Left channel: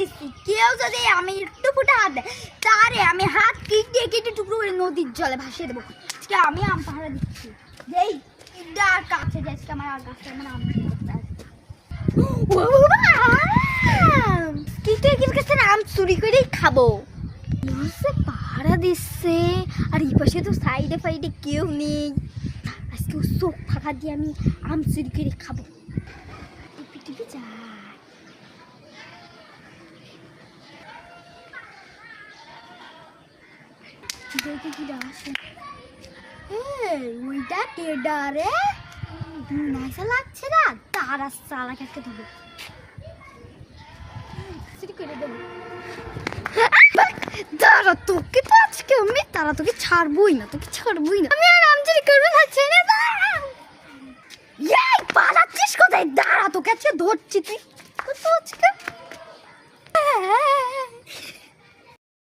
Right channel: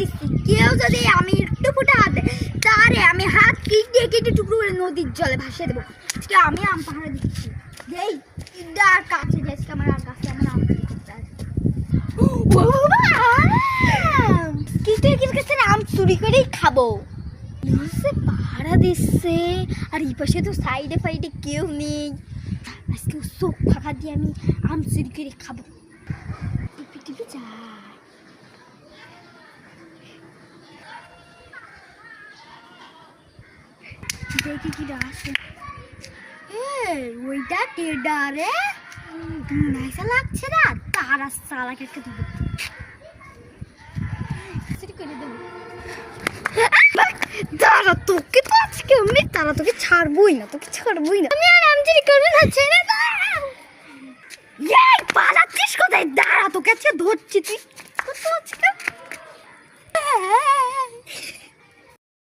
দিচ্ছি, কেউ যদি আমি একটু ফুটে হাত দেয় তারে আমি হাত কেটে টুকরো করে নদীর জলে ভাসিয়ে দেবো। আজকে আমি আম পাহারা দিচ্ছি, যেই আর কাছে যাচ্ছি আমার আর কাছে আমার আম চুরি করতে আসবে। আম চুরি করেই খাবো। পাহারা দিচ্ছে আর এই পাশে তো সাইডে ফাইডে কেউ নেই। আজকে চোখ ফাঁকা দিয়ে আমি আম চুরি করে খাবো। টিপে যাই, দেখি কি আসে। ওইটা কেডা রে? নাইসা লাগছে না, তার চালাক একটা দেবো, চুরি করে দেবো। দাঁড়া, তোকে তো আজকে আমি তারা তোকে ছাড়বই না, তোকে ছাড়বই না। আমি আর আম চুরি করবো না, ছেড়ে দাও। পালাচ্ছিস কোথায়? দাঁড়া, তোকে আজকে ধরছি। তুই আজকে